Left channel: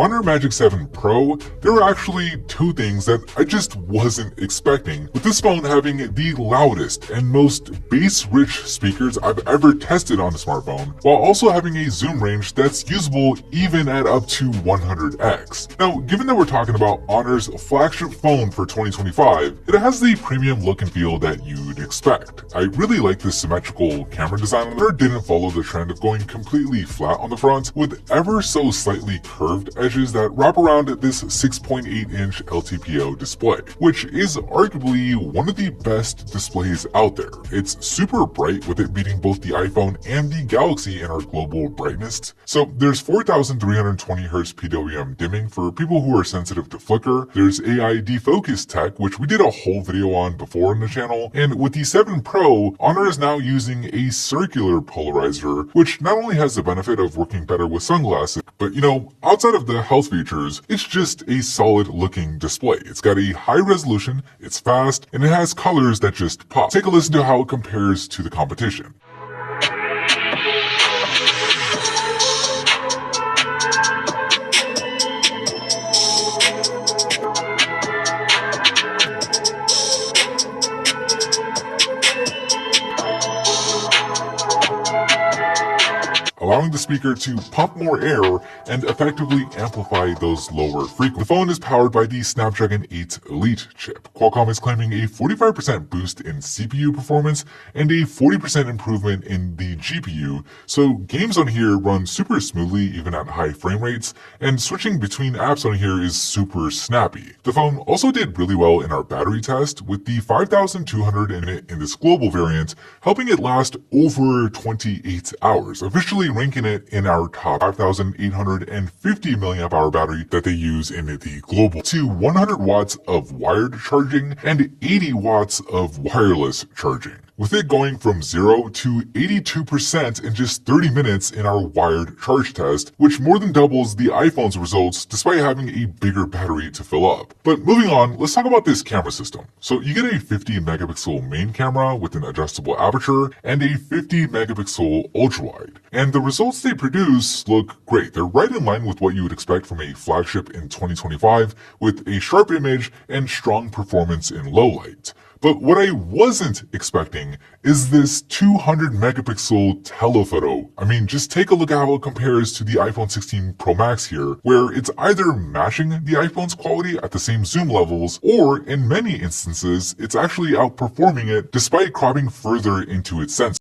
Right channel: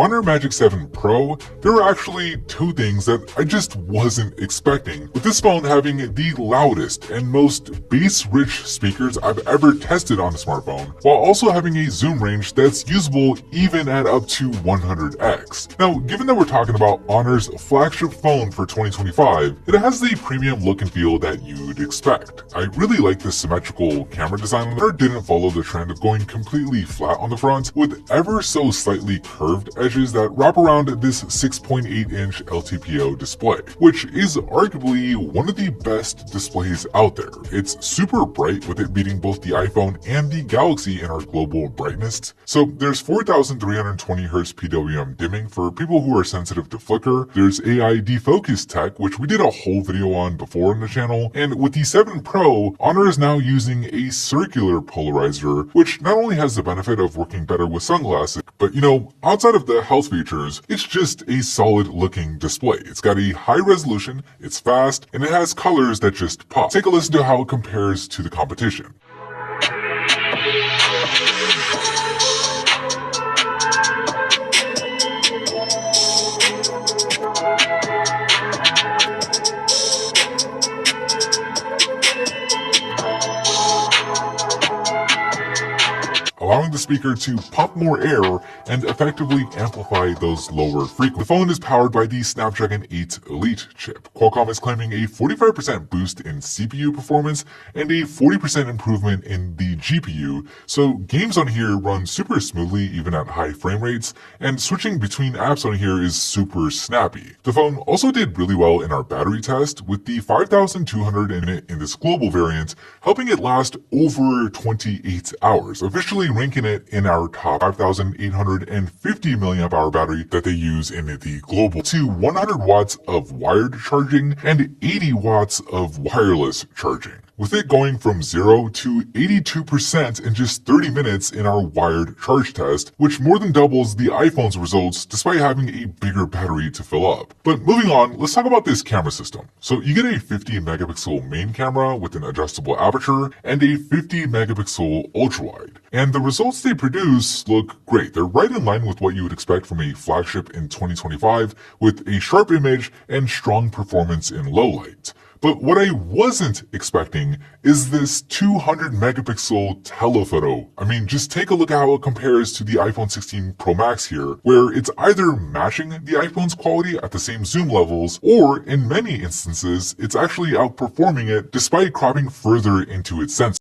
Honor Magic 7 Pro, there are actually two things that I just wasn't expecting, with this phone having the loudest and most bass-rich speakers I've ever tested on a smartphone, while also having a zoom range that's usable even at up to 100x. Now, given that we're talking about Honor's flagship phone for 2025, it has the premium look and feel that you'd expect. I really like the symmetrical camera design on there. Didn't follow the trend of going completely flat on the front, with ever so slightly curved edges that wrap around this 6.8-inch LTPO display, which is arguably one of the best displays out there. It's super bright, with it beating both the iPhone and the Galaxy in our global brightness. So there's 4320 Hz PWM dimming for people who are sensitive to flicker. There's AI defocus tech, which we did a whole video on before on the channel, and with the 7 Pro, Honor is now using a circular polarizer, which not only has the benefit of working better with sunglasses, but outside of the health features, it's just a solid looking display. It's got a high resolution, it's fast, and it has colors that just pop. Take a listen to how it compares to the competition. Allowing the speaker to pump more air and effectively amplify those lower frequencies. The phone is powered by the Snapdragon 8 Elite chip. Qualcomm is claiming a 45% boost in CPU performance and a 40% improvement in the GPU, so games on here run super smoothly even at high frame rates, and switching between apps on here is super snappy. The phone also did really well in our battery test, with the 5200 in this global variant, helping it last over 28 hours, officially ranking it in our top 5850 mAh battery that they use in the global, to 100 watts of wired charging and 80 watts of wireless charging, with it going from 0 to 82% in just 30 minutes in our wired charge test, which more than doubles the iPhone's results despite having a bigger battery to fill up. But moving on, let's talk about this camera system. So you get a 50 megapixel main camera with an adjustable aperture and a 50 megapixel ultrawide. And the results they produce look great. They're right in line with what you would expect from a flagship in 2025, with a sharp image and strong performance in low light. But what I wasn't expecting is this 200 megapixel telephoto. I mean, just take a look at how it compares to the iPhone 16 Pro Max here, where it's either matching the iPhone's quality at the same zoom levels, or in many instances, it's actually outperforming it despite cropping further into its sensor.